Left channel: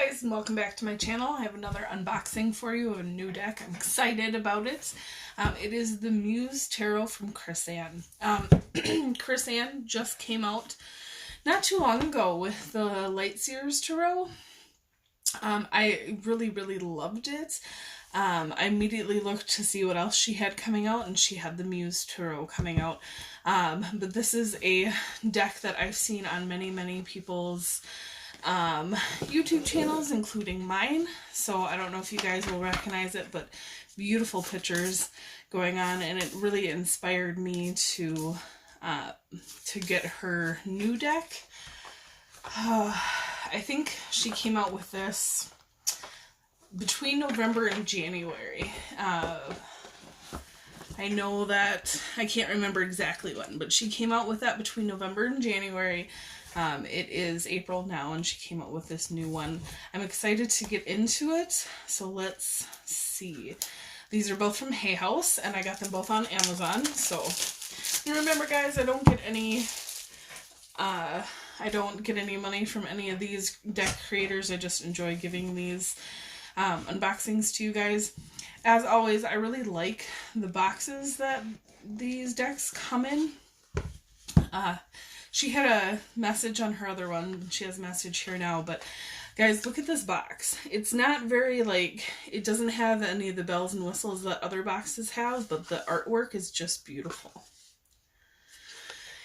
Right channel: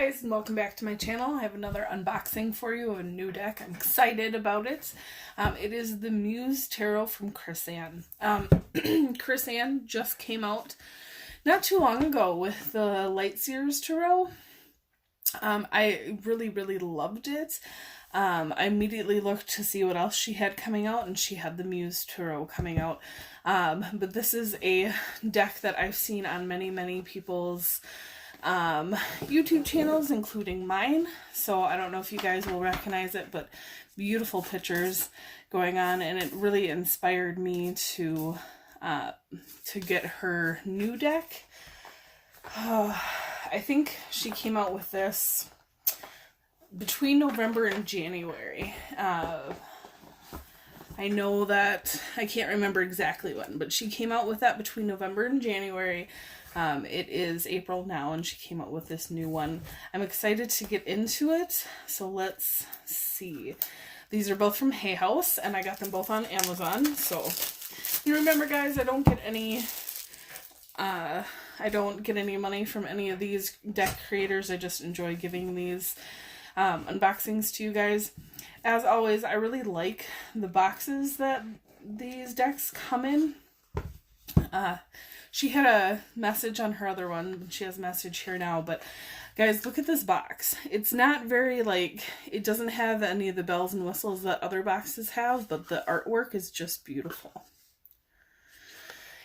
Guys, and welcome back to my channel. I have another unboxing for you of a new deck. I'm excited about it. It is the Muse Tarot from Chris-Anne. Chris-Anne just came out not too long ago with the Lightseers Tarot. I really loved it. I immediately looked to see what else she had coming out, and she had the Muse Tarot coming out. But this is a deck that I've seen on many people's YouTube channels, including mine. So I don't know if you guys will recognize it, but beautiful pictures going on, and it really inspired me to get her new deck. I think she came out with this between November and January. I know that I can't remember exactly when, but she came out with that between November and January. It is April now, and she came out with this new one. I'm excited to get into it, so let's see. These are both from Hay House, and I got them both on Amazon. So, you remember, guys, I don't get any money from any of these deck creators. I just enjoy giving these unboxings to you guys. As always, I really like the boxes that these decks come in. She had a message on her other one. She has a message here now, but guys, look at this box. It's not very, it doesn't have any of the bells and whistles that other boxes have, but the artwork is just beautiful.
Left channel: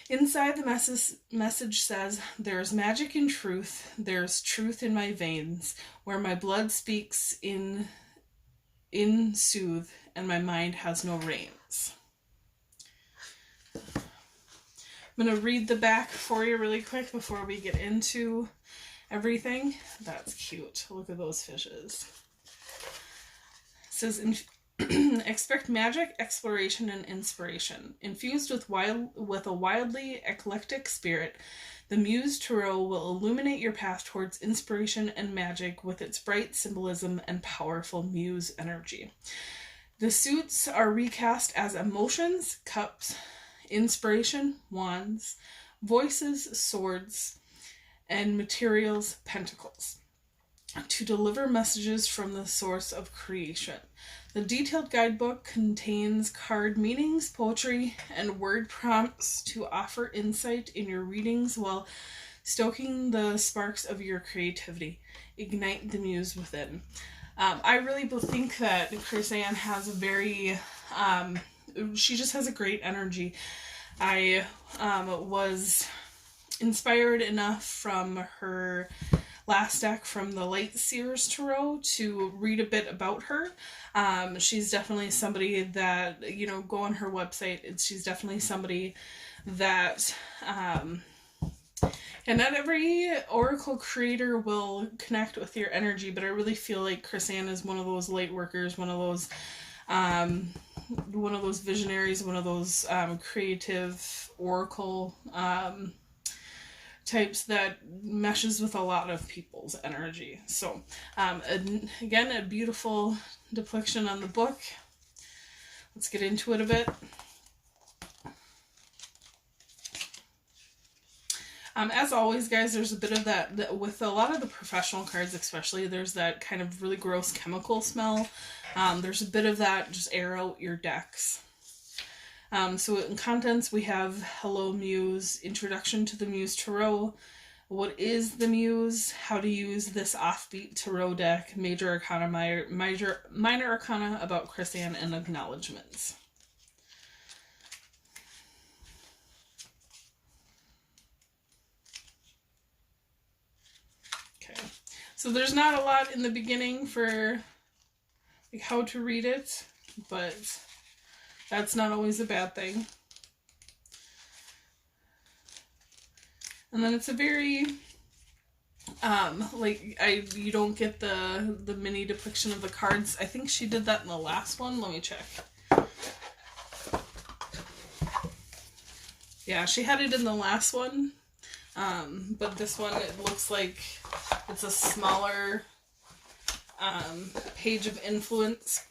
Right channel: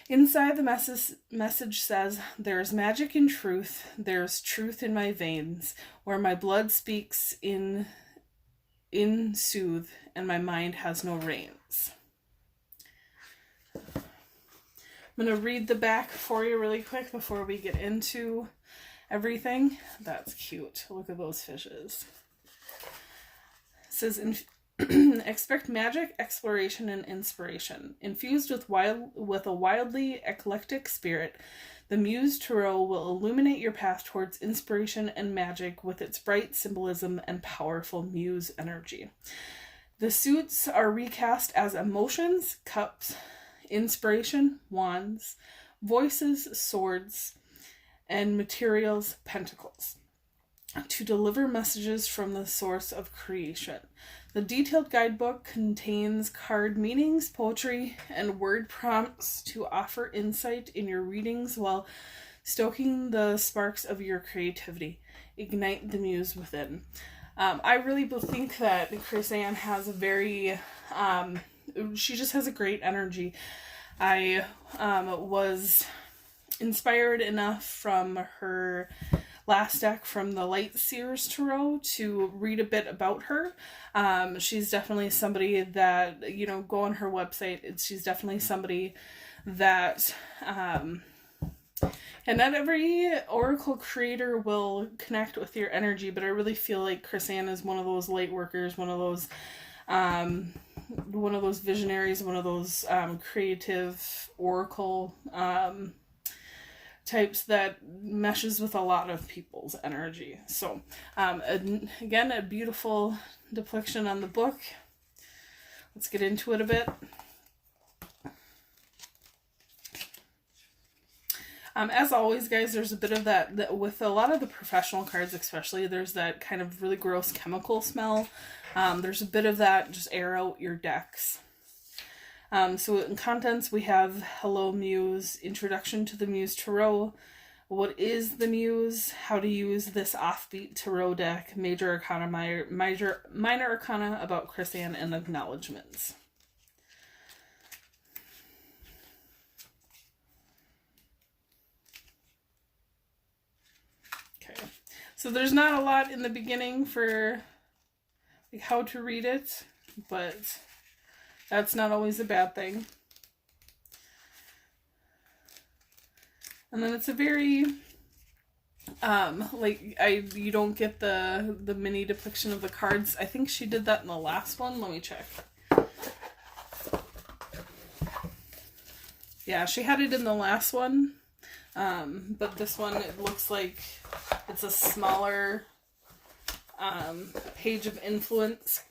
Inside, the message says, "There's magic in truth. There's truth in my veins, where my blood speaks in soothe, and my mind has no reins." I'm going to read the back for you really quick before we get into everything. That's cute. Look at those fishes. It says, expect magic, exploration, and inspiration. Infused with a wildly eclectic spirit, the Muse Tarot will illuminate your path towards inspiration and magic with its bright symbolism and powerful muse energy. The suits are recast as emotions, cups, inspiration, wands, voices, swords, and materials, pentacles, to deliver messages from the source of creation. The detailed guidebook contains card meanings, poetry, and word prompts to offer insight in your readings while stoking the sparks of your creativity. Ignite the muse within. I really think that Chris-Anne has a very she just has a great energy. I was inspired enough from her last deck from the Lightseers Tarot to read a bit about her. She's definitely somebody that, go on her website. She's definitely somebody that, and not every oracle creator will connect with your energy, but I really feel like Chris-Anne is one of those light workers, one of those visionaries, one of those creative oracle types that meshes with a lot of people's energy. So again, a beautiful depiction on the book. Let's get into it a bit. As always, guys, there's a bit of that with a lot of the professional cards, especially, there's that kind of really gross chemical smell. There's a bit of that, just air out your decks. So in contents, we have Hello Muse, Introduction to the Muse Tarot, what is the Muse, how to use this offbeat tarot deck, Major Arcana, Minor Arcana about Chris-Anne, and acknowledgements. Okay, so there's not a lot in the beginning for how to read it, but that's not always a bad thing. And then it's a very, you don't get the mini depiction of the cards. I think she did that in the last one. Let me check. Yeah, she had it in the last one. But this one, it looks like it's a smaller page of influence.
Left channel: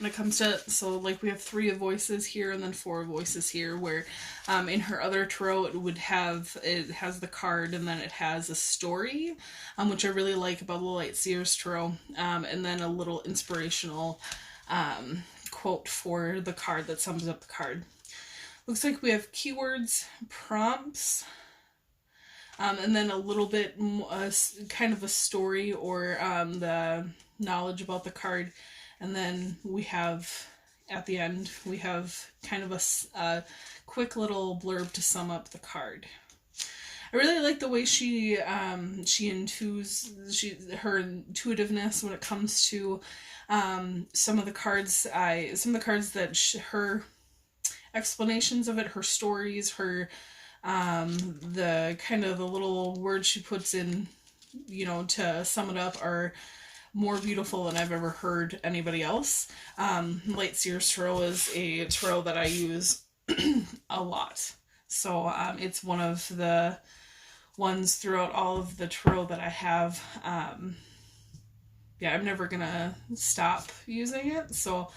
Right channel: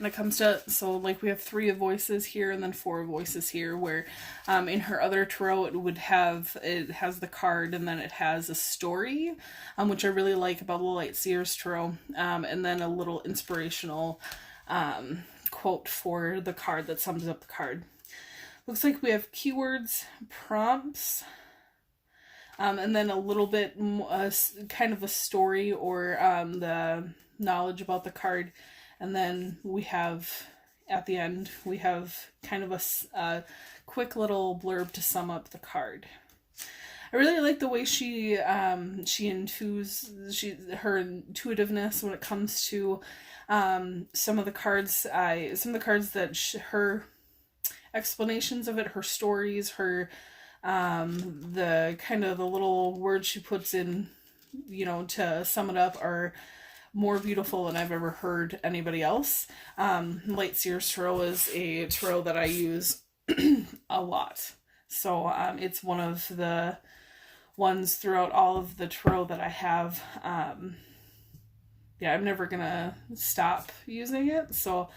And when it comes to, so like we have 3 voices here and then 4 voices here, where in her other tarot it has the card and then it has a story, which I really like about the Light Seers tarot, and then a little inspirational quote for the card that sums up the card. Looks like we have keywords, prompts, and then a little bit kind of a story or the knowledge about the card. And then we have, at the end, we have kind of a quick little blurb to sum up the card. I really like the way she her intuitiveness when it comes to some of the cards that her explanations of it, her stories, her the kind of the little words she puts in, to sum it up, are more beautiful than I've ever heard anybody else. Light Seers Tarot is a tarot that I use a lot. So it's one of the ones throughout all of the tarot that I have. I'm never gonna stop using it. So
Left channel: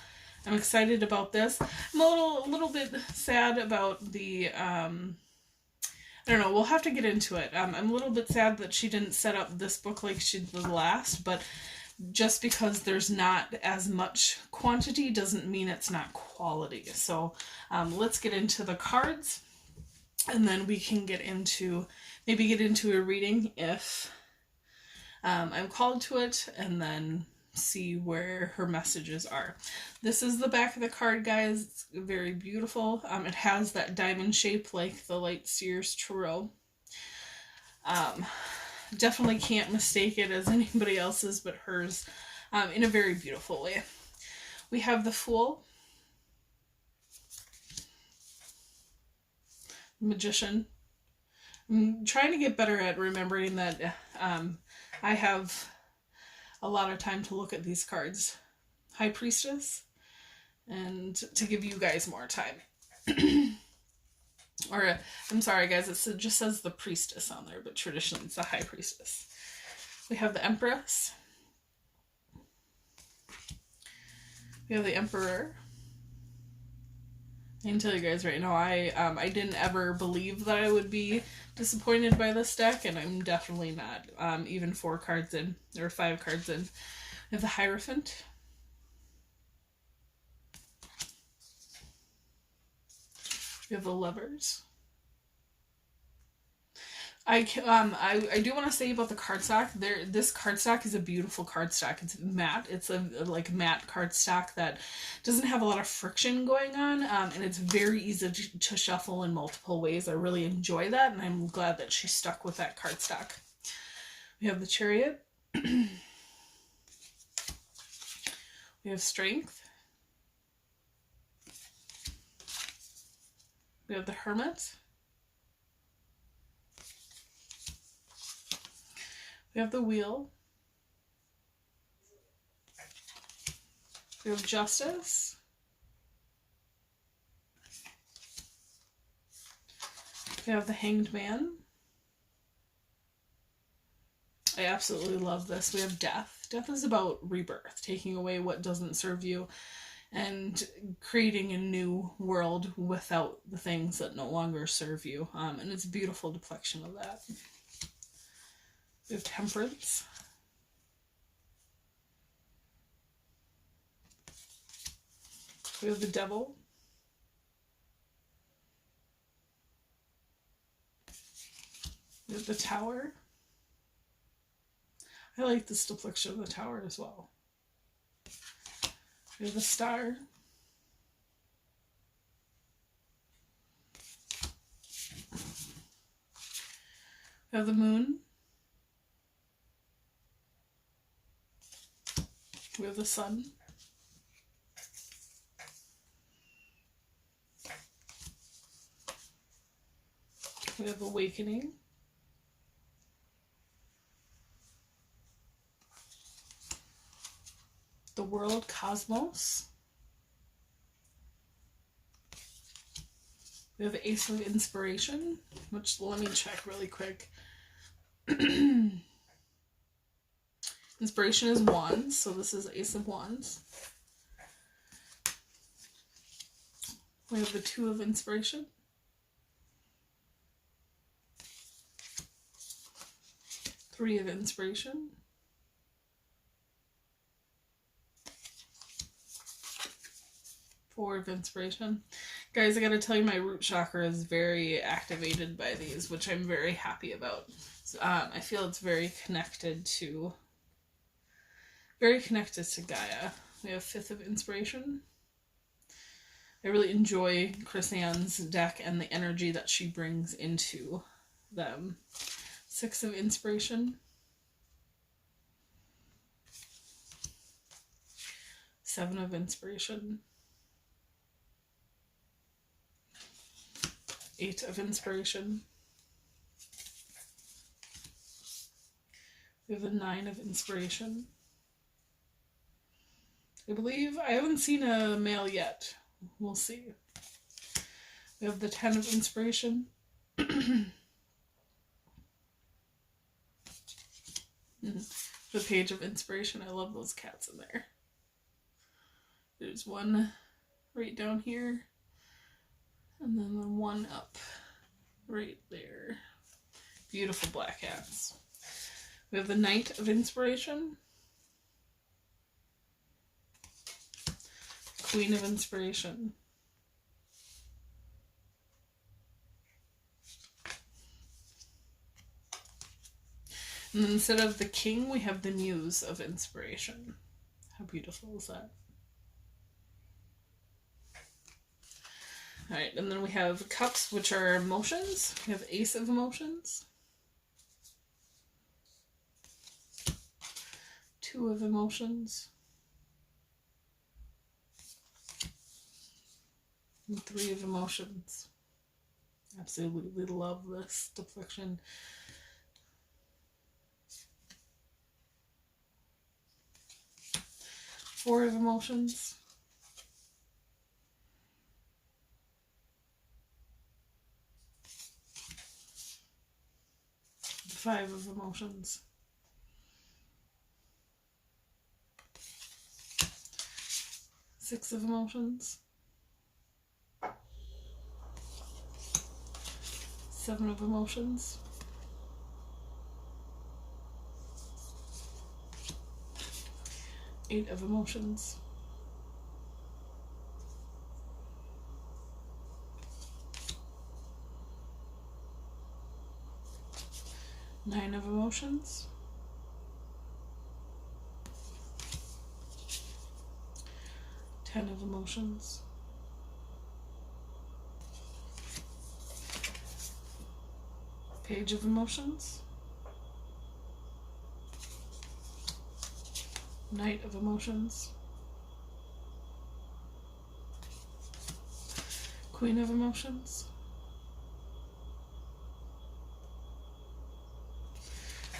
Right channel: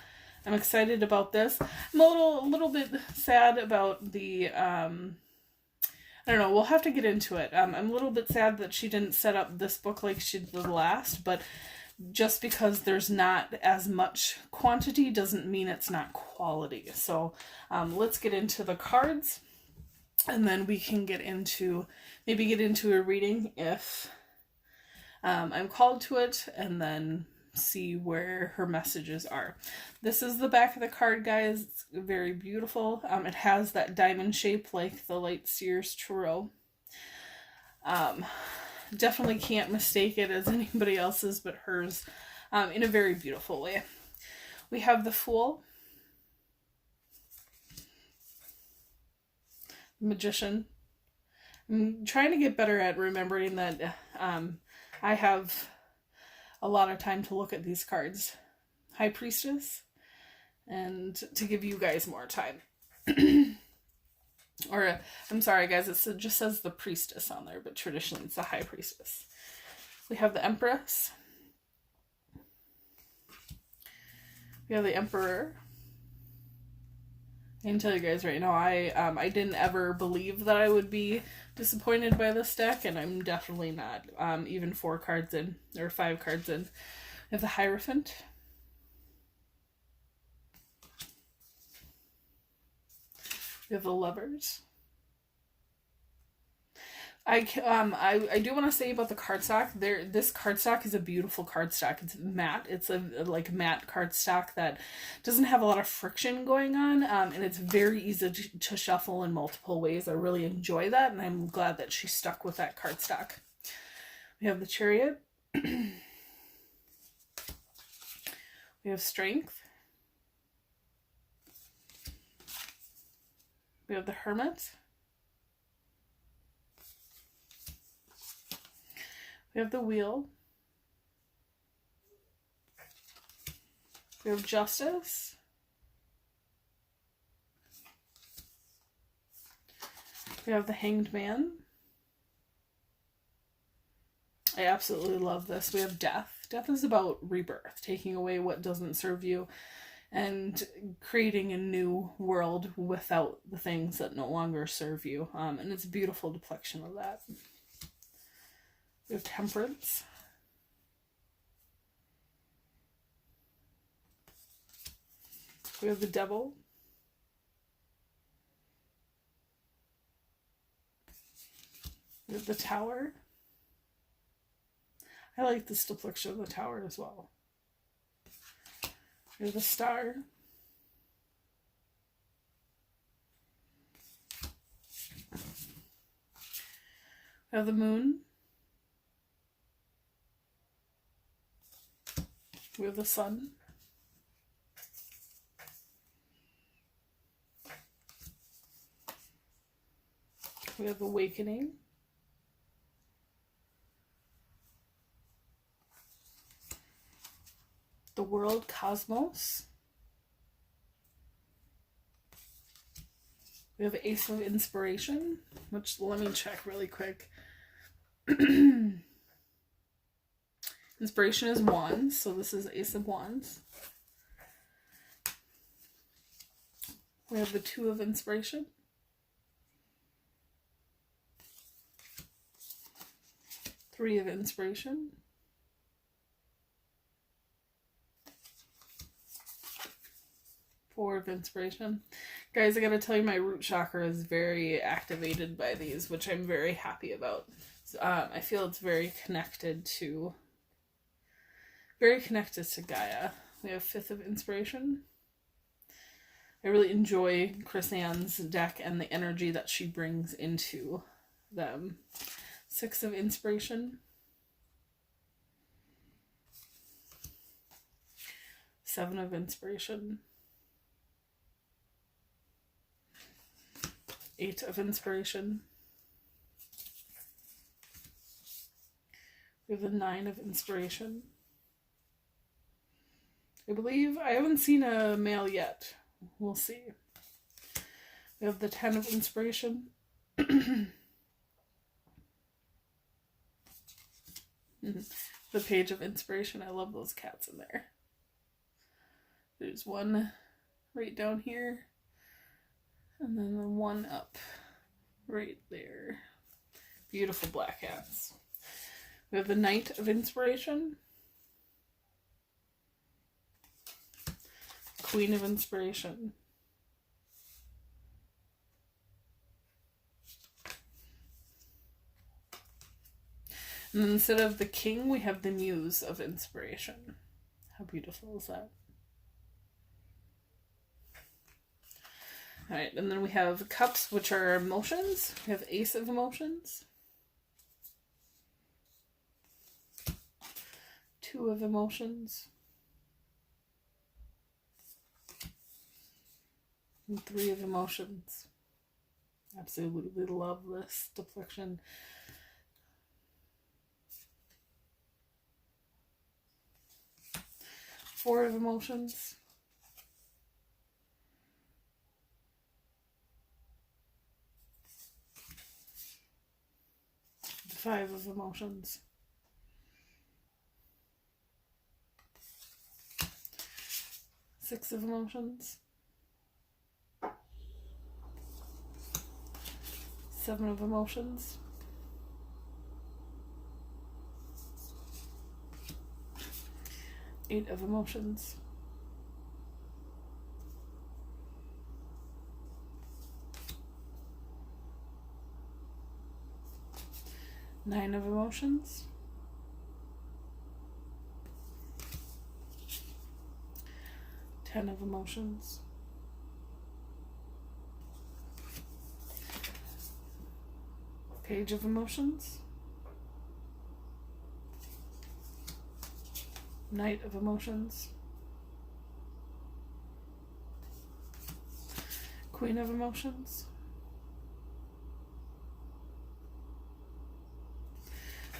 I'm excited about this. I'm a little bit sad about the I don't know, we'll have to get into it. I'm a little bit sad that she didn't set up this book like she did the last, but just because there's not as much quantity doesn't mean it's not quality. So let's get into the cards, and then we can get into a reading if I'm called to it, and then see where her messages are. This is the back of the card, guys. It's very beautiful. It has that diamond shape like the Light Seers Tarot. Definitely can't mistake it as anybody else's but hers, in a very beautiful way. We have the Fool, Magician. I'm trying to get better at remembering that I have a lot of time to look at these cards. High Priestess, and to give you guys more time. Or, I'm sorry guys, it just says the Priestess on there, but traditionally it's the High Priestess. We have the Empress. We have the Emperor. I can tell you guys right now, I didn't ever believe that I would be disappointed by this deck, and I'm definitely not. Even 4 cards in, or 5 cards in. We have the Hierophant. We have the Lovers. I do want to say about the cardstock. This cardstock is a beautiful cardstock. It's matte. It's a matte cardstock that doesn't have a lot of friction going on, and it's very easy to shuffle in multiple ways. I really enjoy that, and I'm glad that she stuck with that cardstock. We have the Chariot. We have Strength. We have the Hermit. We have the Wheel. We have Justice. We have the Hanged Man. I absolutely love this. We have Death. Death is about rebirth, taking away what doesn't serve you and creating a new world without the things that no longer serve you. And it's a beautiful depiction of that. We have Temperance. We have the Devil. We have the Tower. I like this depiction of the Tower as well. We have the Star. We have the Moon. We have the Sun. We have Awakening. The World, Cosmos. We have Ace of Inspiration, which let me check really quick. Inspiration is Wands, so this is Ace of Wands. We have the Two of Inspiration. Three of Inspiration. Four of Inspiration. Guys, I gotta tell you, my root chakra is very activated by these, which I'm very happy about. So, I feel it's very connected to Gaia. We have Fifth of Inspiration. I really enjoy Chris Ann's deck and the energy that she brings into them. Six of Inspiration. Seven of Inspiration. Eight of Inspiration. We have the Nine of Inspiration. I believe I haven't seen a male yet. We'll see. We have the Ten of Inspiration. The Page of Inspiration. I love those cats in there. There's one right down here. And then the one up right there. Beautiful black cats. We have the Knight of Inspiration. Queen of Inspiration. And then instead of the King, we have the Muse of Inspiration. How beautiful is that? Alright, and then we have Cups, which are emotions. We have Ace of Emotions. Two of Emotions. And Three of Emotions. Absolutely love this depiction. Four of Emotions. Five of Emotions. Six of Emotions. Seven of Emotions. Eight of Emotions. Nine of Emotions. 10 of Emotions. Page of Emotions. Knight of Emotions. Queen of Emotions.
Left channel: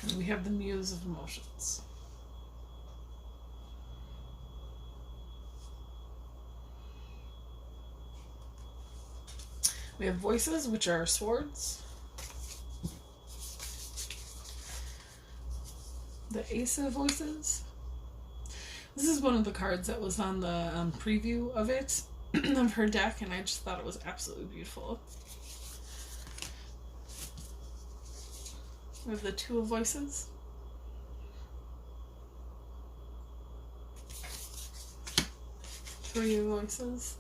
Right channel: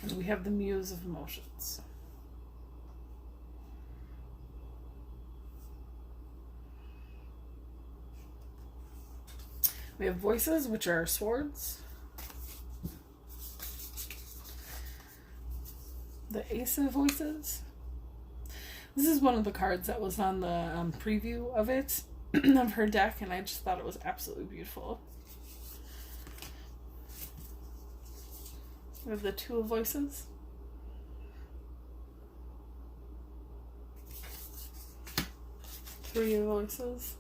And we have the Muse of Emotions. We have Voices, which are swords. The Ace of Voices. This is one of the cards that was on the preview of it, of her deck, and I just thought it was absolutely beautiful. We have the Two of Voices. Three of Voices.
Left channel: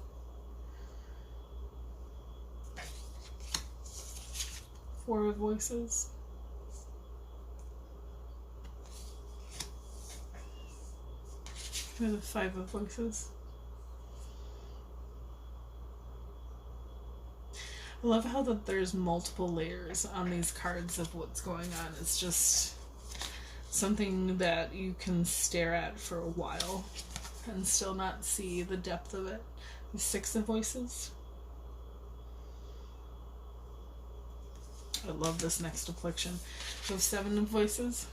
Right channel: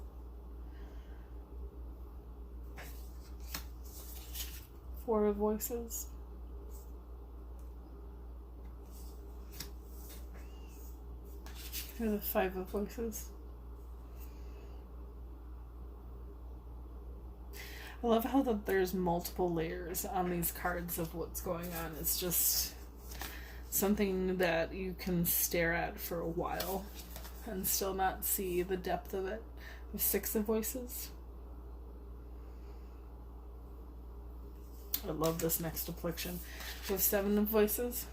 Four of Voices. We have the Five of Voices. I love how that there's multiple layers on these cards of what's going on. It's just something that you can stare at for a while and still not see the depth of it. We have Six of Voices. I love this next depiction. We have Seven of Voices.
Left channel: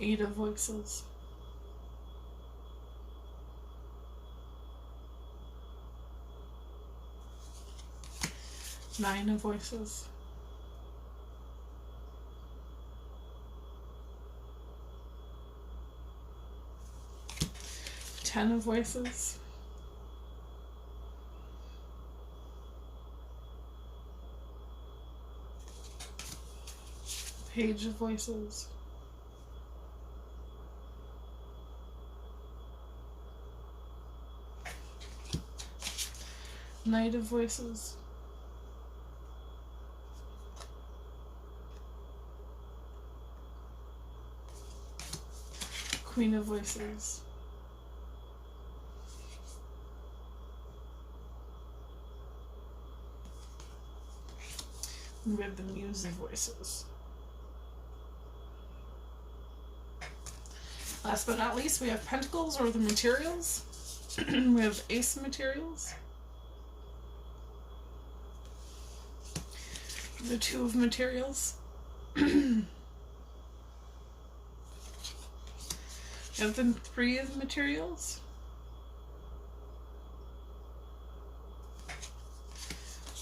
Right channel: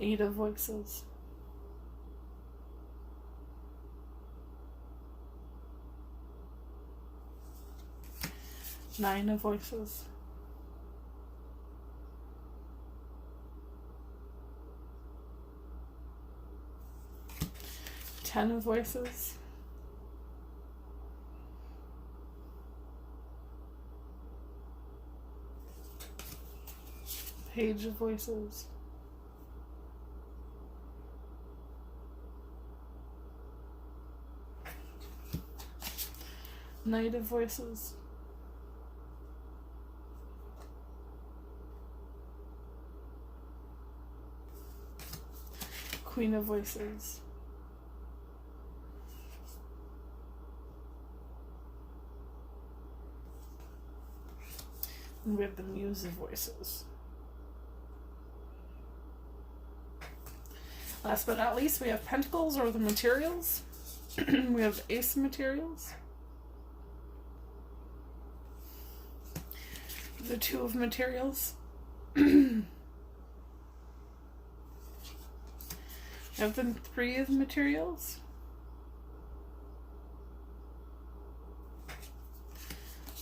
Eight of Voices. Nine of Voices. Ten of Voices. Page of Voices. Knight of Voices. Queen of Voices. And we have the Muse of Voices. Last but not least, we have Pentacles, or the materials. We have Ace of Materials. The Two of Materials. We have the Three of Materials.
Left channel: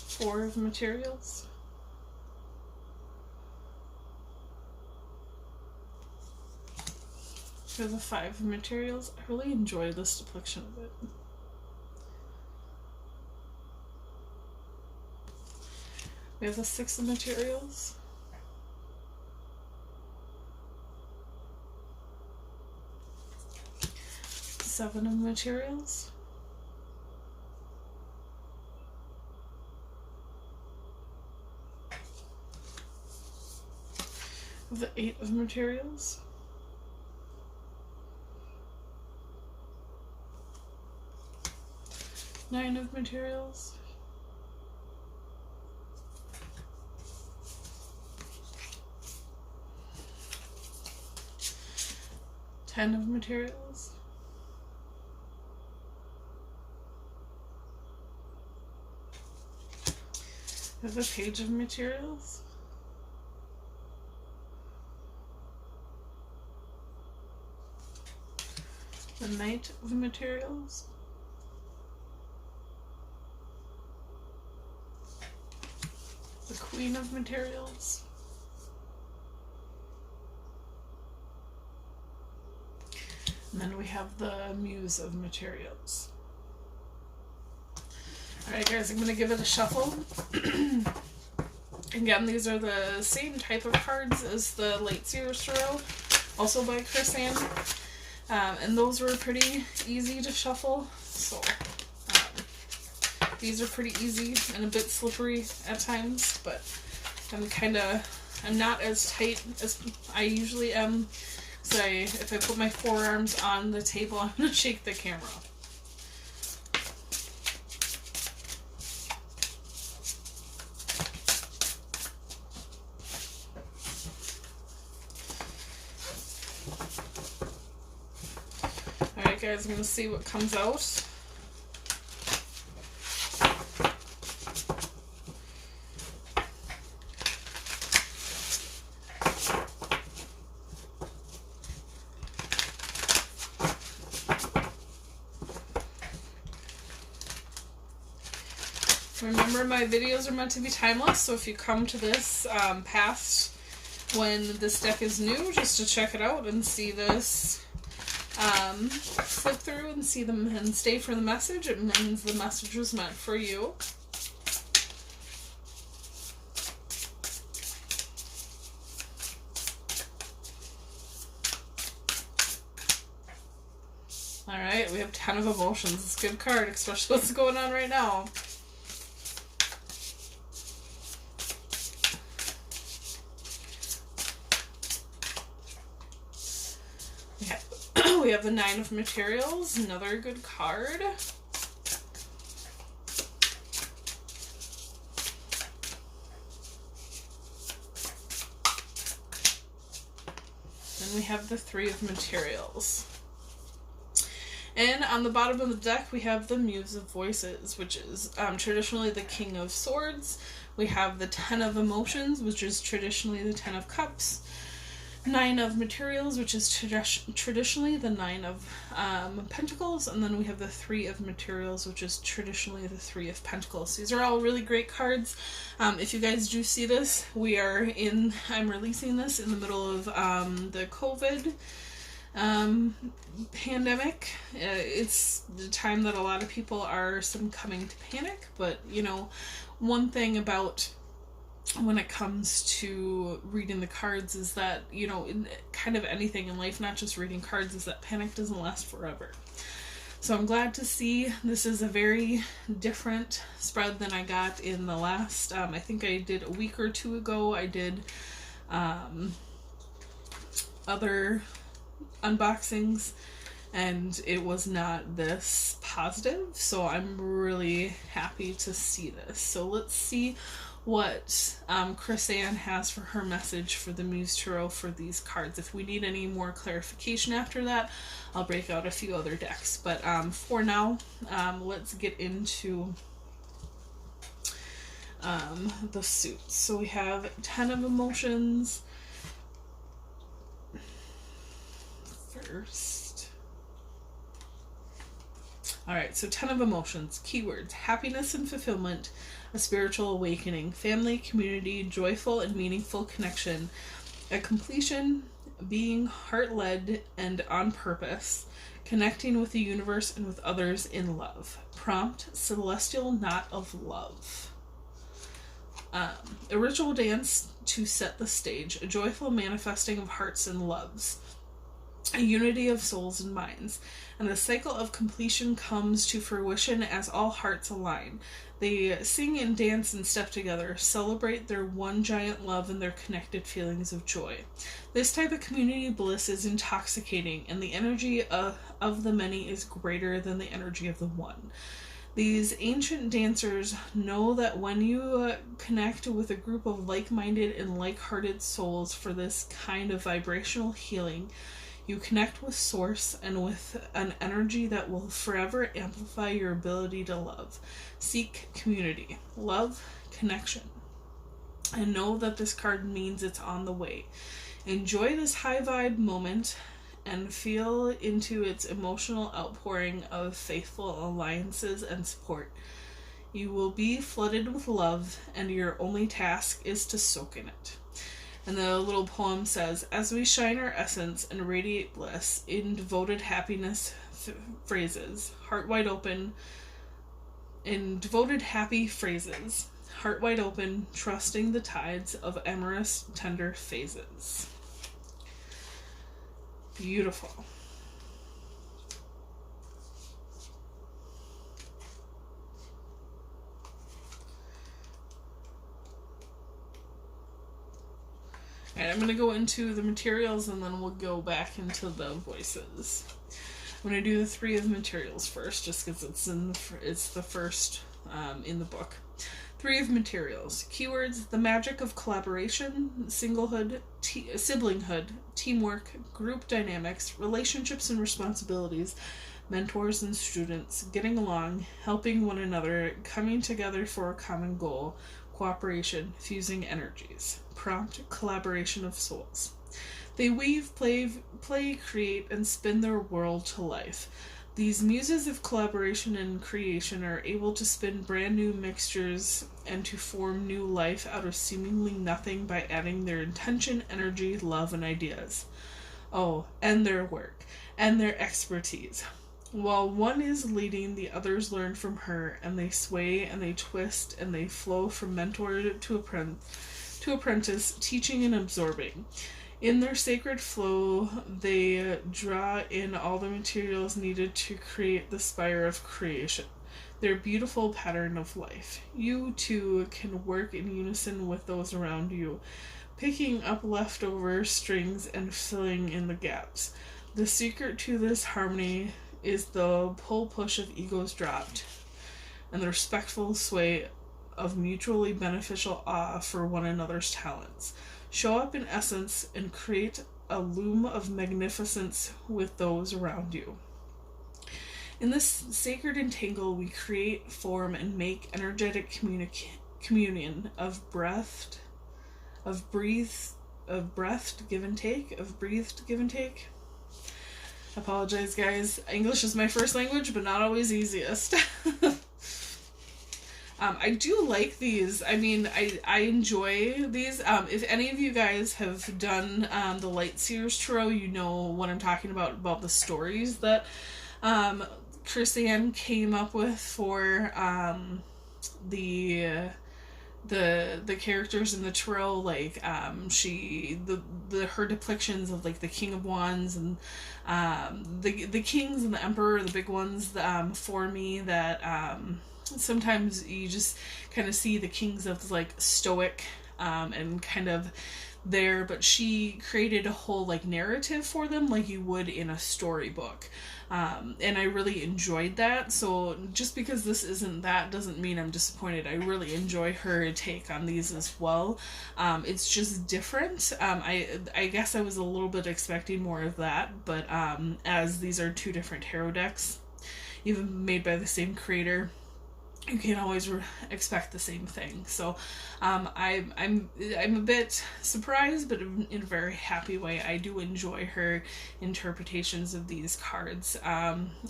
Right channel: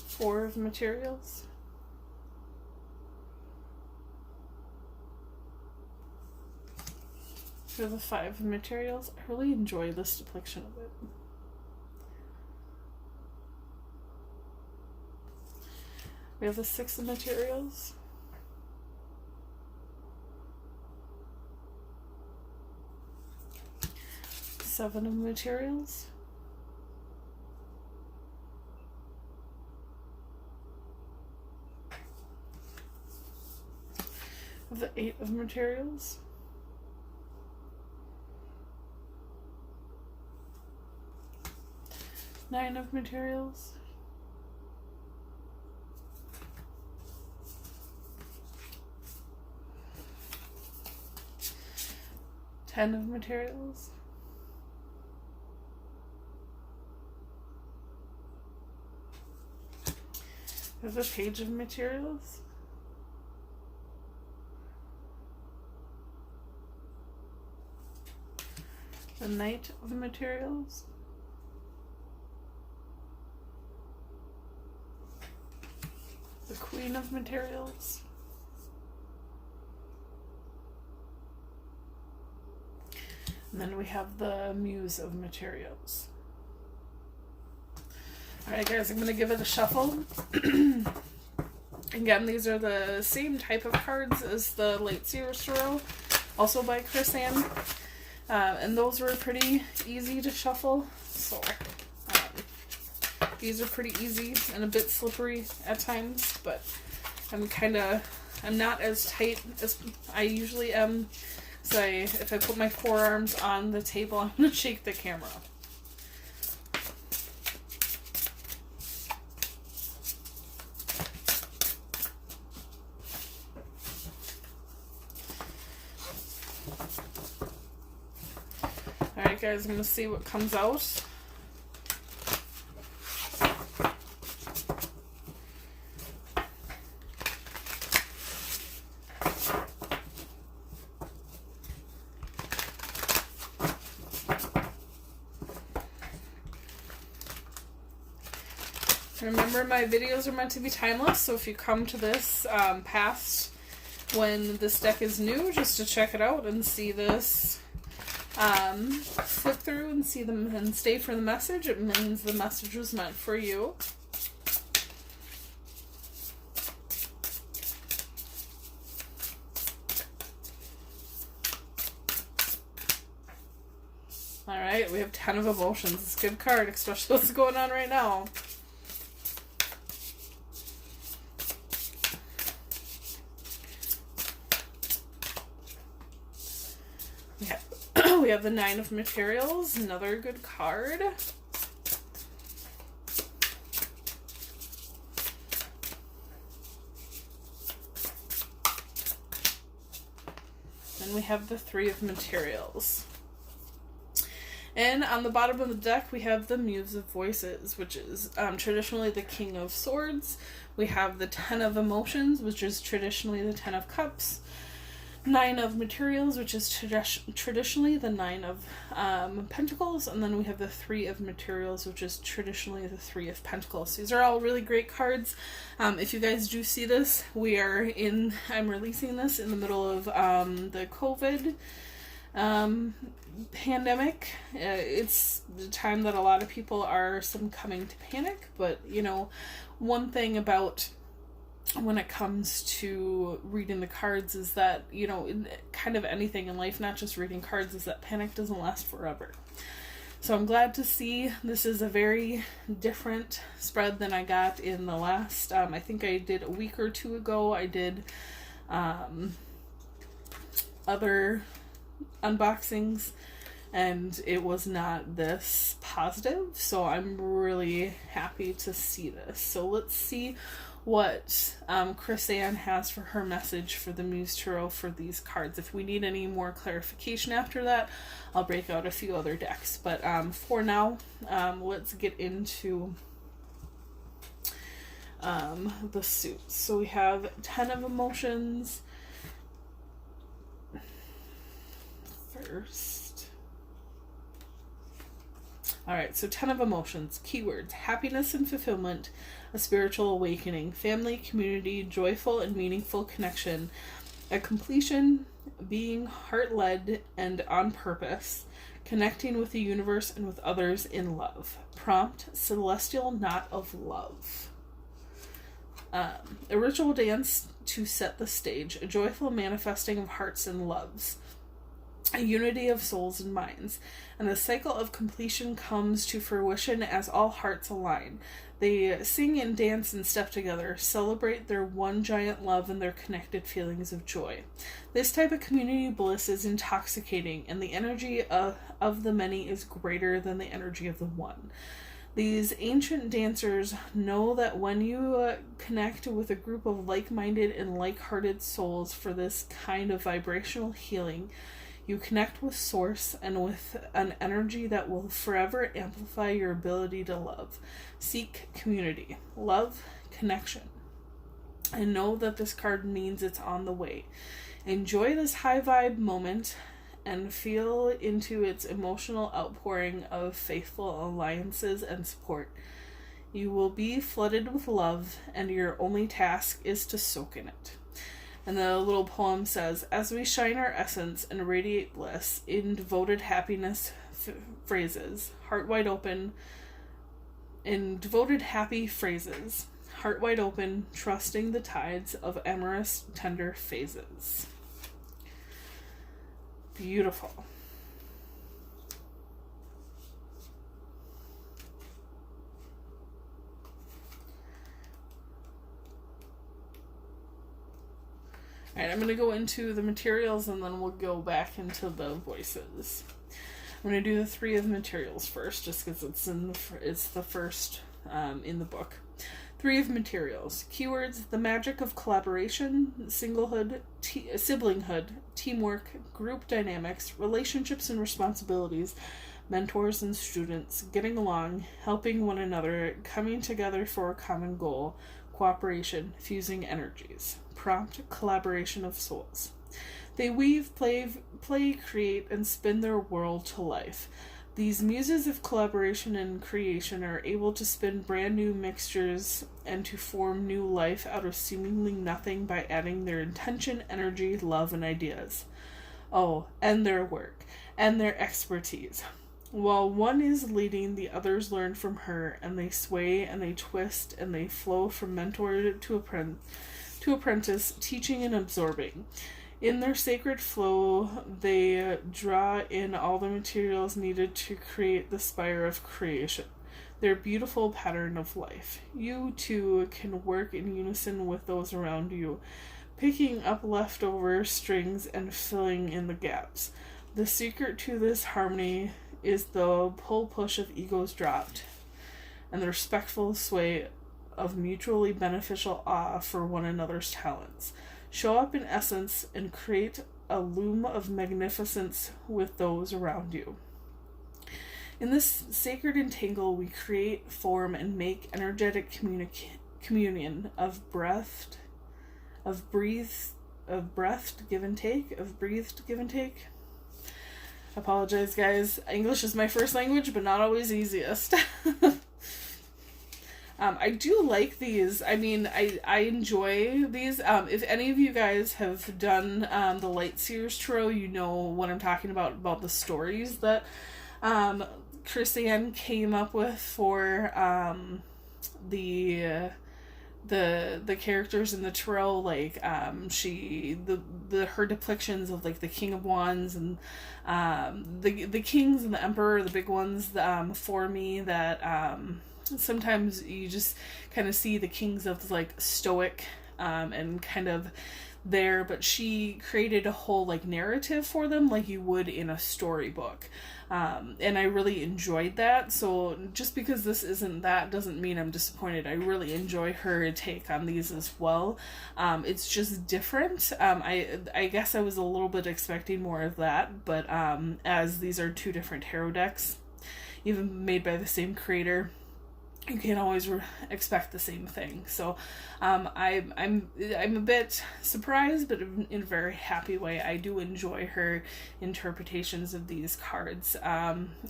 Four of Materials. For the Five of Materials. I really enjoy this depiction of it. We have the Six of Materials. Seven of Materials. The Eight of Materials. Nine of Materials. Ten of Materials. There's a Page of Materials. The Knight of Materials. The Queen of Materials. And then we have the Muse of Materials. Alright guys, I'm going to give it a shuffle. Again, these are the same type of cards as the Late Sears Tarot, also by Chris Ann. And those were pretty easy to shuffle, so these are pretty easy and a bit slippery at times, but I'm not as tight as I usually am. So if I put my forearms on the table, I'm going to shake the camera. Alright guys, I'm going to see what comes out. Remember, my videos are meant to be timeless, so if you come to this past when this deck is new, just to check it out and see this, flip through and see them and stay for the message, it means the message was meant for you. Alright, we have 10 of Emotions. It's a good card, especially what's going on right now. We have the Nine of Materials, another good card. Then we have the Three of Materials. And on the bottom of the deck, we have the Muse of Voices, which is traditionally the King of Swords. We have the Ten of Emotions, which is traditionally the Ten of Cups. Nine of Materials, which is traditionally the Nine of Pentacles, and then we have the Three of Materials, which is traditionally the Three of Pentacles. These are all really great cards. If you guys do see this, I'm releasing this in the middle of the COVID Pandemic, it's the time that a lot of people are succumbing to panic, but one thing about when it comes to reading the cards is that, kind of anything in life, not just reading cards, is that panic doesn't last forever. So I'm glad to see this is a very different spread than I got in the last, I think I did a week or two ago. I did other unboxings, and it was not this positive, so I'm really happy to see this. So let's see what Chris Ann has for her message for the Muse Tarot for these cards. If we need any more clarification after that, I'll break out a few other decks. But for now, let's get into the suits. So we have 10 of Emotions first. Alright, so 10 of Emotions. Keywords: happiness and fulfillment, a spiritual awakening, family, community, joyful and meaningful connection, a completion, being heart-led and on purpose, connecting with the universe and with others in love. Prompt: celestial knot of love. A ritual dance to set the stage, a joyful manifesting of hearts and loves, a unity of souls and minds, and the cycle of completion comes to fruition as all hearts align. They sing and dance and step together, celebrate their one giant love and their connected feelings of joy. This type of community bliss is intoxicating, and the energy of the many is greater than the energy of the one. These ancient dancers know that when you connect with a group of like-minded and like-hearted souls for this kind of vibrational healing, you connect with Source and with an energy that will forever amplify your ability to love. Seek community, love, connection, and know that this card means it's on the way. Enjoy this high vibe moment and feel into its emotional outpouring of faithful alliances and support. You will be flooded with love, and your only task is to soak in it. And the little poem says, as we shine our essence and radiate bliss in devoted happiness phrases, heart wide open, in devoted happy phrases, heart wide open, trusting the tides of amorous, tender phases. Beautiful. Alright, I'm going to go into the materials and then we'll go back into the voices. I'm going to do the 3 of materials first, just because it's the first in the book. 3 of materials. Keywords: the magic of collaboration, singlehood, siblinghood, teamwork, group dynamics, relationships and responsibilities, mentors and students, getting along, helping one another, coming together for a common goal, cooperation, fusing energies. Prompt: collaboration of souls. They weave, play, create, and spin their world to life. These muses of collaboration and creation are able to spin brand new mixtures and to form new life out of seemingly nothing by adding their intention, energy, love, and ideas. Oh, and their work, and their expertise. While one is leading, the others learn from her, and they sway, and they twist, and they flow from mentor to apprentice, teaching and absorbing. In their sacred flow, they draw in all the materials needed to create the spire of creation, their beautiful pattern of life. You, too, can work in unison with those around you, picking up leftover strings and filling in the gaps. The secret to this harmony is the pull-push of egos dropped, and the respectful sway of mutually beneficial awe for one another's talents. Show up in essence and create a loom of magnificence with those around you. In this sacred entangle, we create, form, and make energetic communion of breathed give and take. Apologize, guys. English is my first language, but not always easiest. I do like these. I mean, I enjoy these. If any of you guys have done the Lightseers Tarot, you know what I'm talking about the stories that Chris-Anne came up with for the characters in the tarot, like her depictions of like the King of Wands and the kings and the emperor, the big ones for me that sometimes you just kind of see the kings of like stoic and kind of there, but she created a whole like narrative for them like you would in a storybook. And I really enjoyed that. So just because this isn't that doesn't mean I'm disappointed. I really enjoy her take on these as well. It's just different. I guess I was a little bit expecting more of that, but as these are two different tarot decks, even made by the same creator, you can't always expect the same thing. So I'm a bit surprised, but in a very happy way. I do enjoy her interpretations of these cards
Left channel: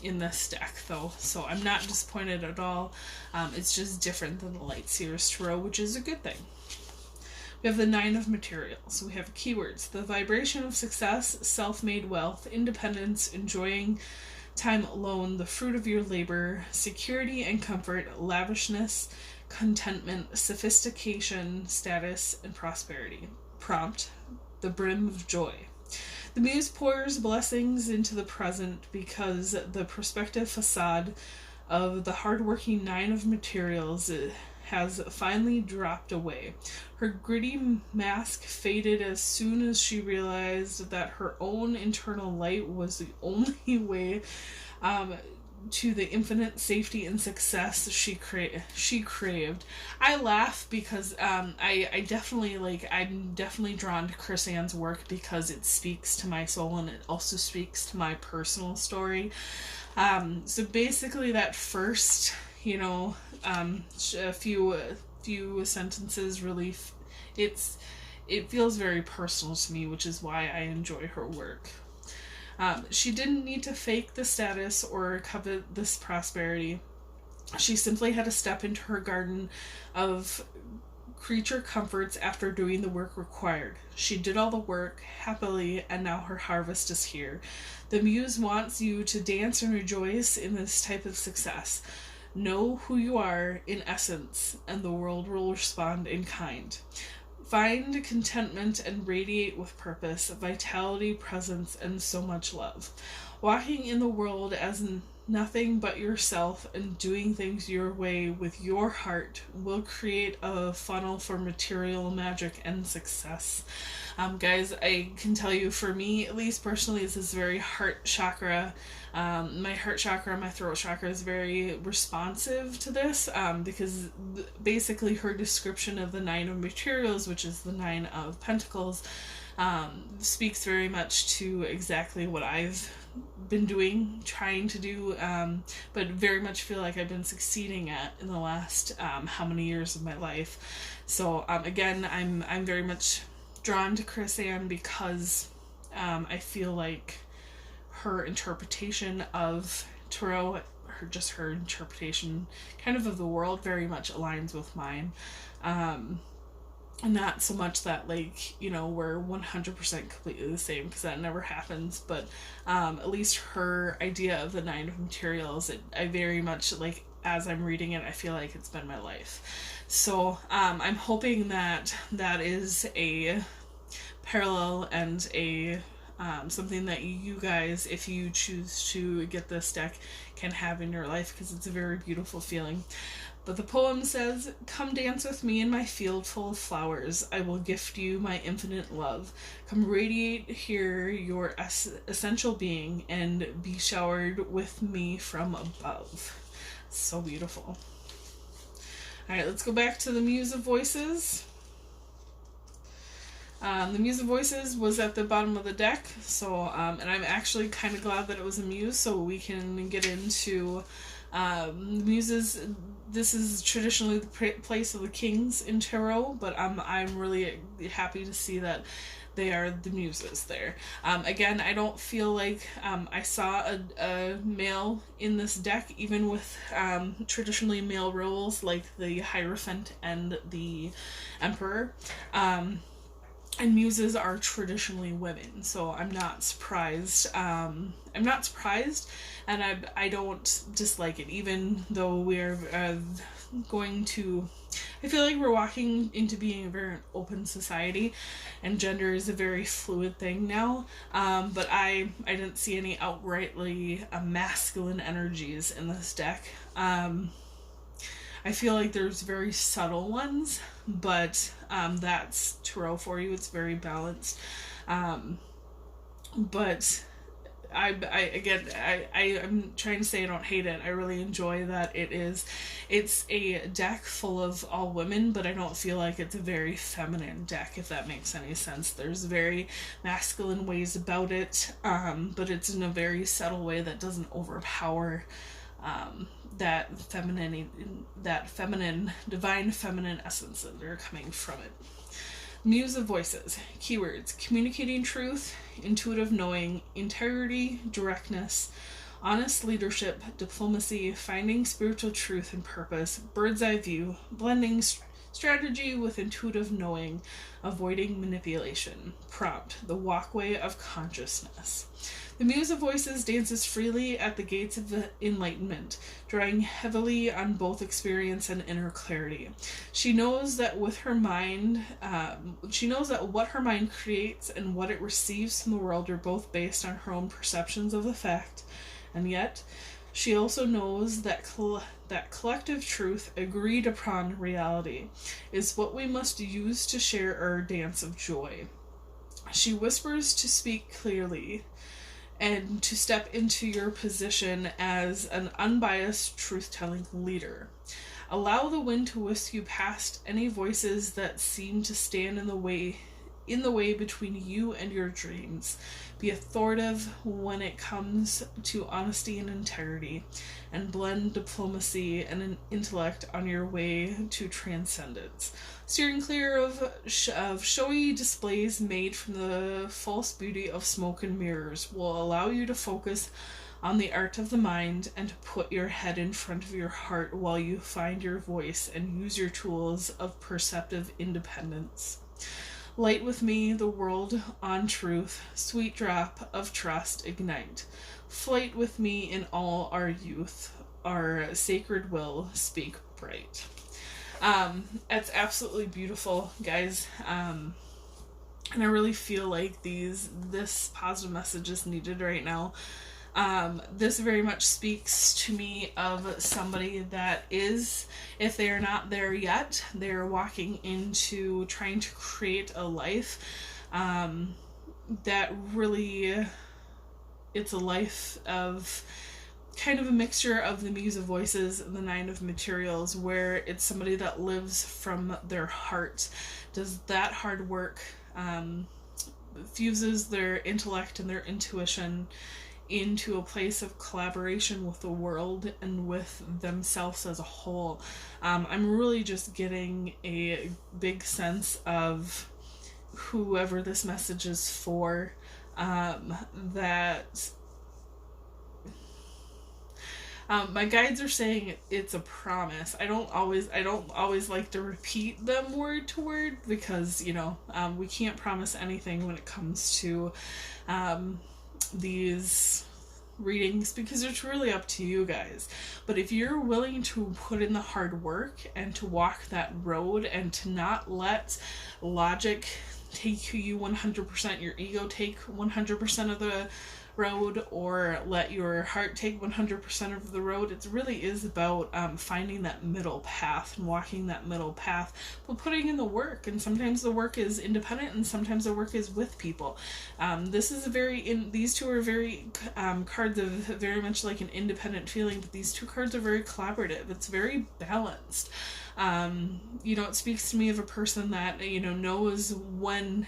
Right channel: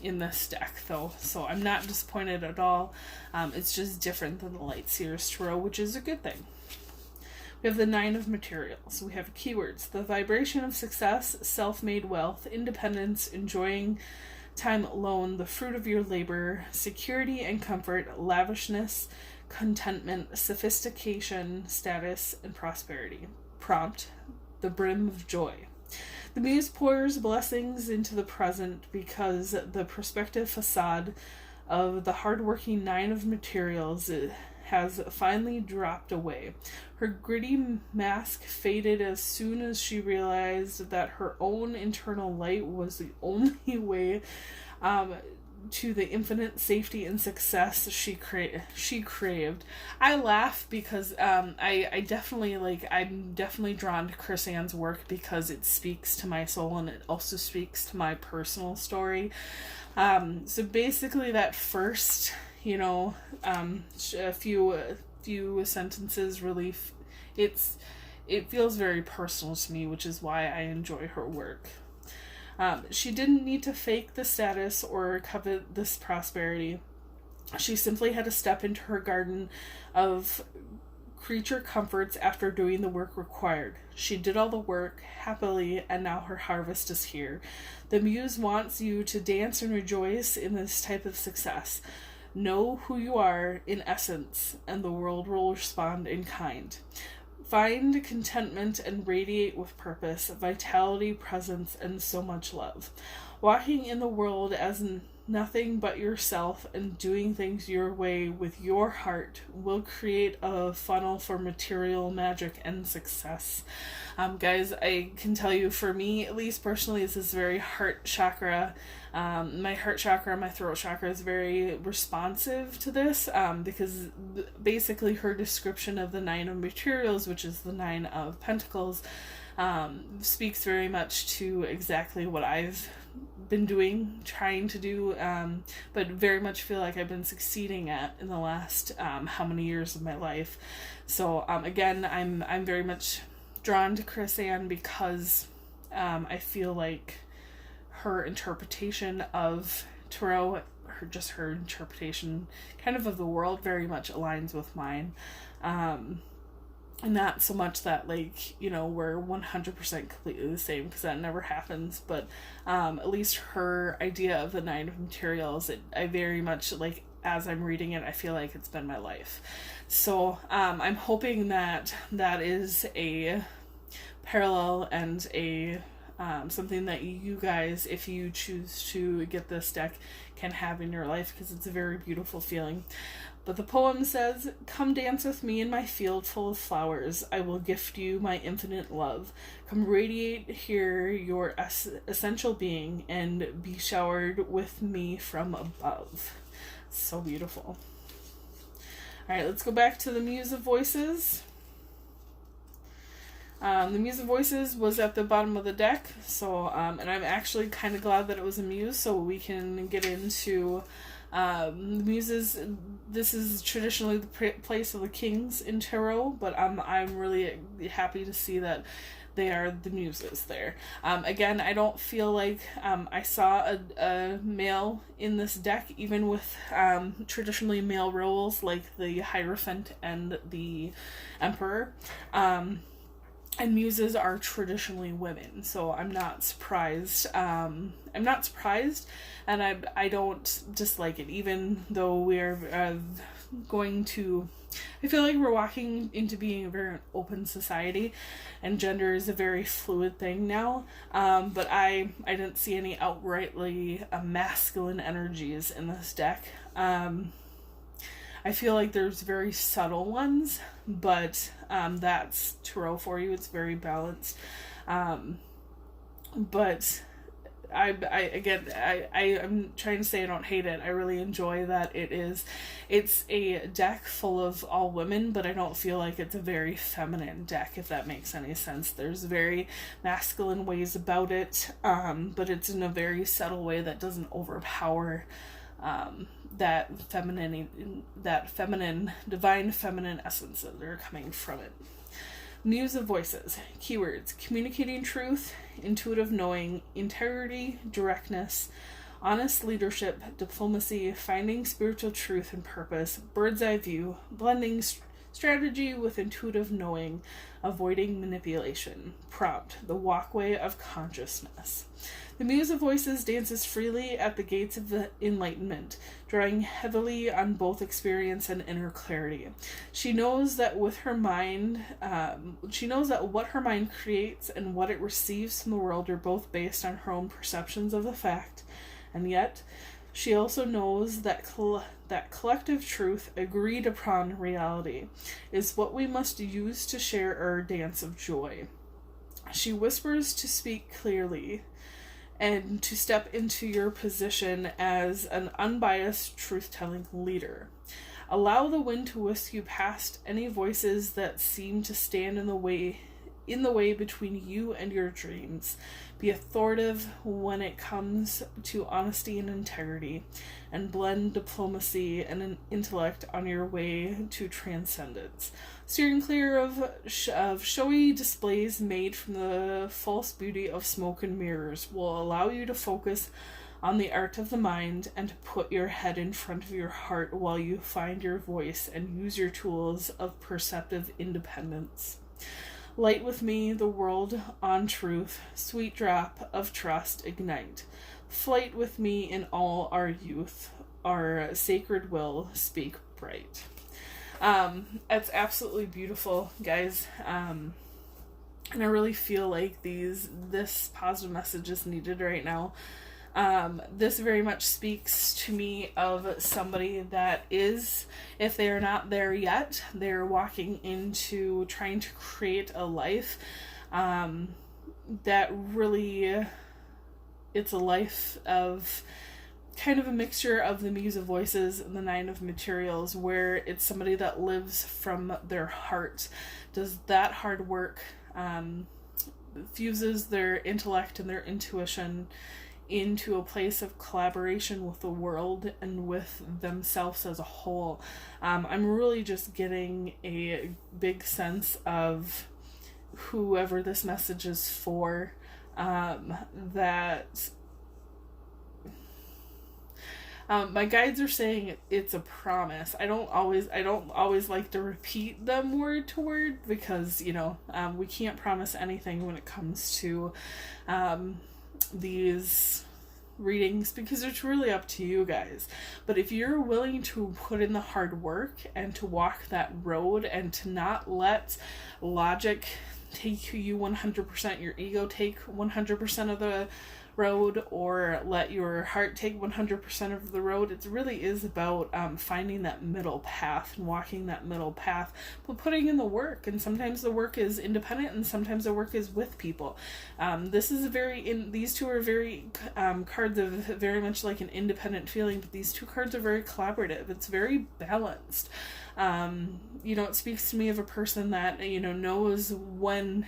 in this deck, though. So I'm not disappointed at all. It's just different than the Lightseers Tarot, which is a good thing. We have the Nine of Materials. We have keywords: the vibration of success, self-made wealth, independence, enjoying time alone, the fruit of your labor, security and comfort, lavishness, contentment, sophistication, status, and prosperity. Prompt: the brim of joy. The Muse pours blessings into the present because the perspective facade of the hardworking Nine of Materials has finally dropped away. Her gritty mask faded as soon as she realized that her own internal light was the only way to the infinite safety and success she craved. I laugh because I'm definitely drawn to Chris-Anne's work because it speaks to my soul and it also speaks to my personal story. So basically that first, a few sentences really, it feels very personal to me, which is why I enjoy her work. She didn't need to fake the status or covet this prosperity. She simply had to step into her garden of creature comforts after doing the work required. She did all the work happily, and now her harvest is here. The Muse wants you to dance and rejoice in this type of success. Know who you are in essence, and the world will respond in kind. Find contentment and radiate with purpose, vitality, presence, and so much love. Walking in the world as nothing but yourself and doing things your way with your heart will create a funnel for material magic and success. Guys, I can tell you, for me, at least personally, this is very heart chakra. My heart chakra, my throat chakra is very responsive to this because basically her description of the Nine of Materials, which is the Nine of Pentacles, speaks very much to exactly what I've been doing, trying to do, but very much feel like I've been succeeding at in the last how many years of my life. So again, I'm very much drawn to Chris-Anne because I feel like her interpretation of tarot, her interpretation kind of the world very much aligns with mine. Not so much that we're 100% completely the same, because that never happens, but at least her idea of the Nine of Materials, I very much, as I'm reading it, I feel like it's been my life. So I'm hoping that is a parallel and a something that you guys, if you choose to get this deck, can have in your life, because it's a very beautiful feeling. But the poem says, "Come dance with me in my field full of flowers. I will gift you my infinite love. Come radiate here your essential being and be showered with me from above." So beautiful. Alright, let's go back to the Muse of Voices. The Muse of Voices was at the bottom of the deck, so and I'm actually kind of glad that it was a Muse, so we can get into Muses. This is traditionally the place of the kings in tarot, but I'm really happy to see that they are the Muses there. Again, I don't feel like I saw a male in this deck, even with traditionally male roles like the Hierophant and the Emperor. And Muses are traditionally women, so I'm not surprised. And I don't dislike it, even though we're going to... I feel like we're walking into being a very open society, and gender is a very fluid thing now. But I didn't see any outrightly masculine energies in this deck. I feel like there's very subtle ones, but that's tarot for you. It's very balanced. But I'm trying to say I don't hate it. I really enjoy that it's a deck full of all women, but I don't feel like it's a very feminine deck, if that makes any sense. There's very masculine ways about it, but it's in a very subtle way that doesn't overpower that feminine, divine feminine essence that are coming from it. Muse of Voices. Keywords: communicating truth, intuitive knowing, integrity, directness, honest leadership, diplomacy, finding spiritual truth and purpose, bird's eye view, blending strategy with intuitive knowing, avoiding manipulation. Prompt: the walkway of consciousness. The Muse of Voices dances freely at the gates of the enlightenment, drawing heavily on both experience and inner clarity. She knows that what her mind creates and what it receives from the world are both based on her own perceptions of the fact, and yet she also knows that that collective truth, agreed upon reality, is what we must use to share our dance of joy. She whispers to speak clearly, and to step into your position as an unbiased truth-telling leader. Allow the wind to whisk you past any voices that seem to stand in the way between you and your dreams. Be authoritative when it comes to honesty and integrity, and blend diplomacy and an intellect on your way to transcendence. Steering clear of showy displays made from the false beauty of smoke and mirrors will allow you to focus on the art of the mind and to put your head in front of your heart while you find your voice and use your tools of perceptive independence. Light with me the world on truth, sweet drop of trust ignite. Flight with me in all our youth, our sacred will speak bright. It's absolutely beautiful, guys. And I really feel like this positive message is needed right now. This very much speaks to me of somebody that is, if they are not there yet, they're walking into trying to create a life that really, it's a life of kind of a mixture of the Muse of Voices and the Nine of Materials, where it's somebody that lives from their heart, does that hard work, fuses their intellect and their intuition into a place of collaboration with the world and with themselves as a whole. I'm really just getting a big sense of whoever this message is for, that my guides are saying it's a promise. I don't always like to repeat them word to word, because we can't promise anything when it comes to these readings, because it's really up to you guys. But if you're willing to put in the hard work and to walk that road and to not let logic take you 100%, your ego take 100% of the road, or let your heart take 100% of the road, it really is about finding that middle path and walking that middle path, but putting in the work. And sometimes the work is independent, and sometimes the work is with people. These two are very cards of very much like an independent feeling, but these two cards are very collaborative. It's very balanced. It speaks to me of a person that knows when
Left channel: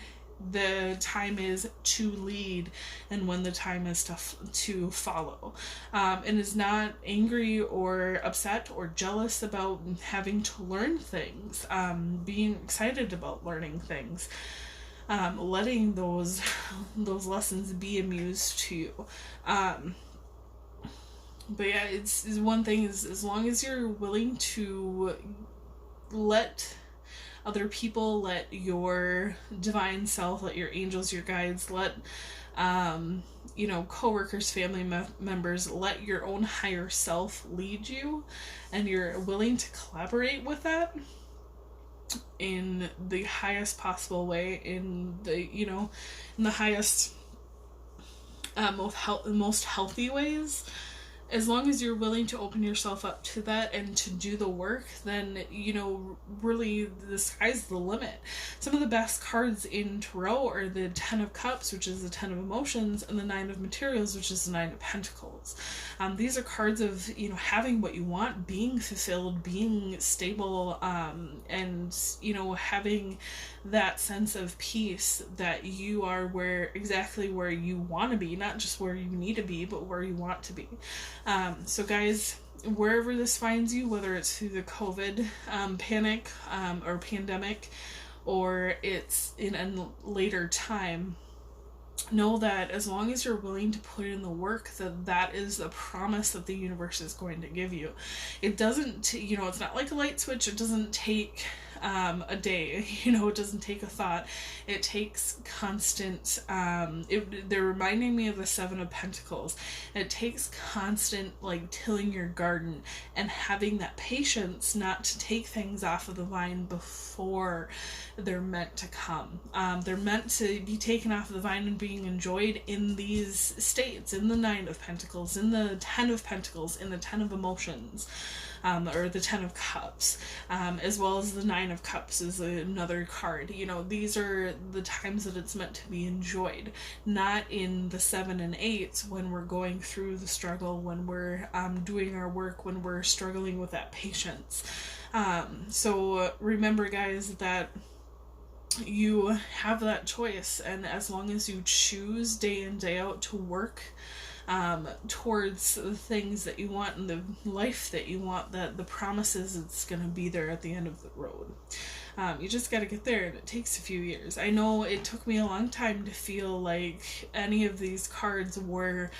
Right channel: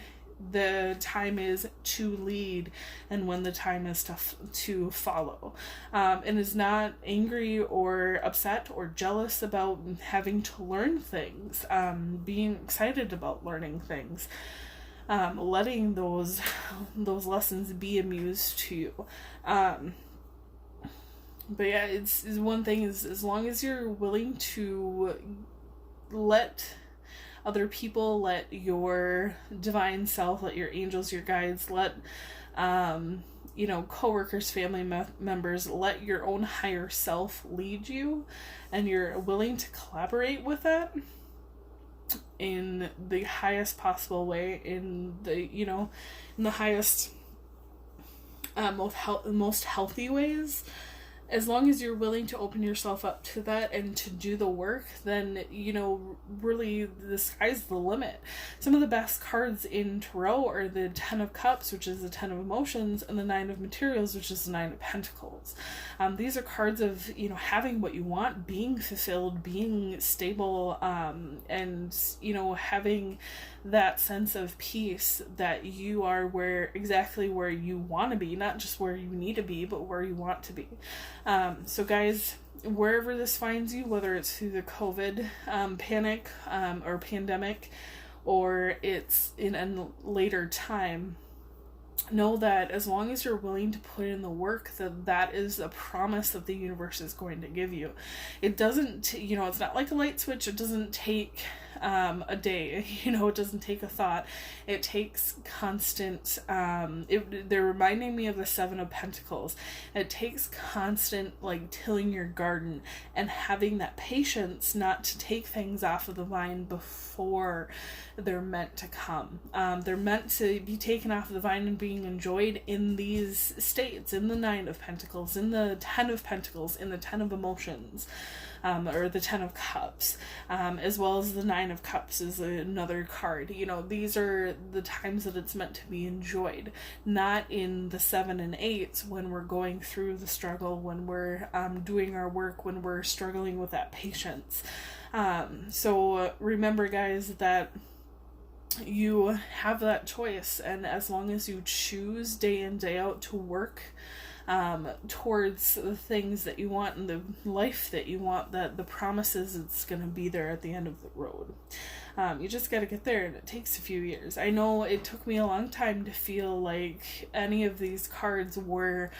the time is to lead and when the time is to follow, and is not angry or upset or jealous about having to learn things, being excited about learning things. letting those lessons be a muse to you. But yeah, it's one thing is, as long as you're willing to let other people, let your divine self, let your angels, your guides, let coworkers, family members, let your own higher self lead you, and you're willing to collaborate with that in the highest possible way, in the highest, most healthy ways. As long as you're willing to open yourself up to that and to do the work, then, really the sky's the limit. Some of the best cards in Tarot are the Ten of Cups, which is the Ten of Emotions, and the Nine of Materials, which is the Nine of Pentacles. These are cards of, having what you want, being fulfilled, being stable, and, having that sense of peace that you are exactly where you want to be, not just where you need to be, but where you want to be. So guys, wherever this finds you, whether it's through the COVID panic or pandemic, or it's in a later time, know that as long as you're willing to put in the work, that is a promise that the universe is going to give you. It doesn't, it's not like a light switch. It doesn't take a day, it doesn't take a thought. It takes constant, they're reminding me of the Seven of Pentacles. It takes constant, tilling your garden and having that patience not to take things off of the vine before they're meant to come. They're meant to be taken off of the vine and being enjoyed in these states, in the Nine of Pentacles, in the Ten of Pentacles, in the Ten of Emotions. Or the Ten of Cups, as well as the Nine of Cups is another card. These are the times that it's meant to be enjoyed, not in the 7 and 8s when we're going through the struggle, when we're doing our work, when we're struggling with that patience. So remember, guys, that you have that choice, and as long as you choose day in, day out to work towards the things that you want and the life that you want, that the promises it's going to be there at the end of the road. You just got to get there, and it takes a few years. I know it took me a long time to feel like any of these cards were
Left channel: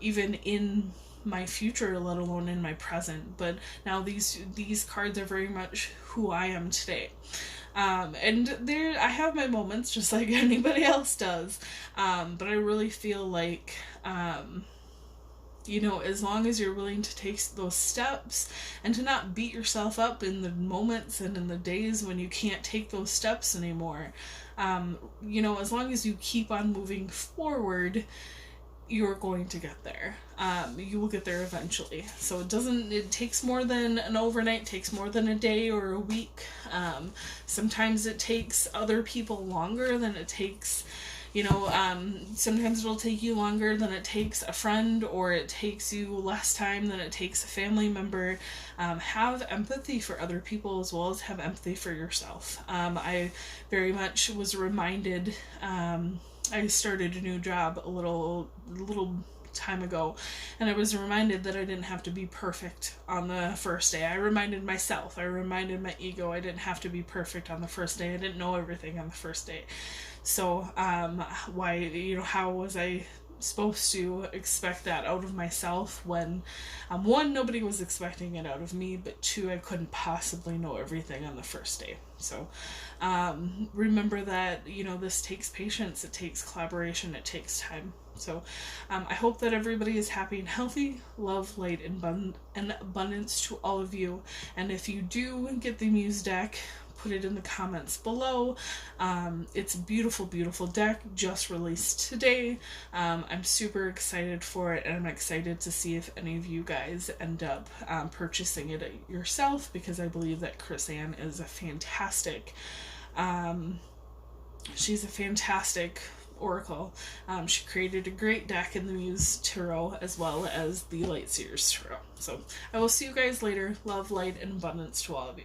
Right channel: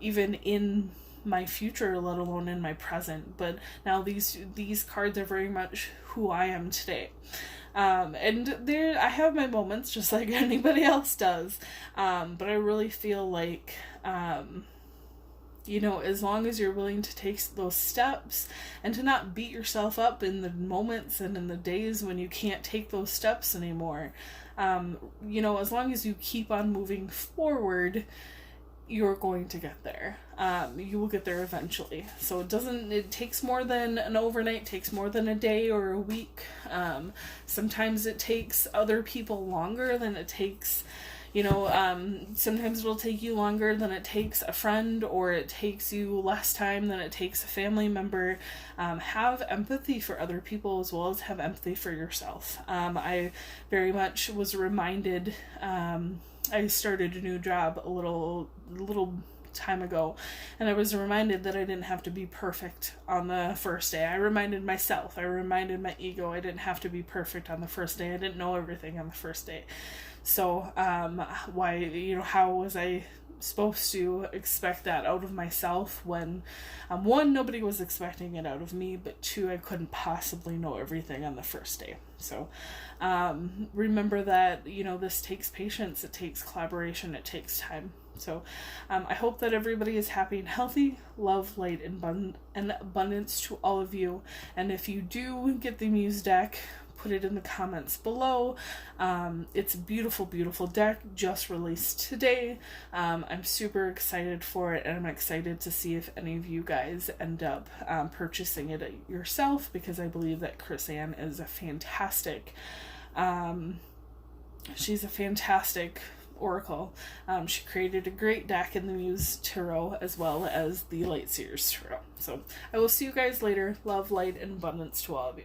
even in my future, let alone in my present, but now these cards are very much who I am today. And I have my moments just like anybody else does, but I really feel like as long as you're willing to take those steps and to not beat yourself up in the moments and in the days when you can't take those steps anymore, as long as you keep on moving forward, you're going to get there. You will get there eventually. So it takes more than an overnight, takes more than a day or a week. Sometimes it takes other people longer than it takes, sometimes it'll take you longer than it takes a friend, or it takes you less time than it takes a family member. Have empathy for other people as well as have empathy for yourself. I very much was reminded, I started a new job a little time ago, and I was reminded that I didn't have to be perfect on the first day. I reminded myself, I reminded my ego, I didn't have to be perfect on the first day. I didn't know everything on the first day. So, how was I supposed to expect that out of myself when, one, nobody was expecting it out of me, but two, I couldn't possibly know everything on the first day. So, remember that, this takes patience, it takes collaboration, it takes time. So, I hope that everybody is happy and healthy, love, light, and abundance to all of you. And if you do get the Muse deck, put it in the comments below. It's a beautiful, beautiful deck, just released today. I'm super excited for it, and I'm excited to see if any of you guys end up purchasing it yourself, because I believe that Chris Ann is a fantastic, she's a fantastic oracle. She created a great deck in the Muse Tarot as well as the Light Seers Tarot. So I will see you guys later. Love, light, and abundance to all of you.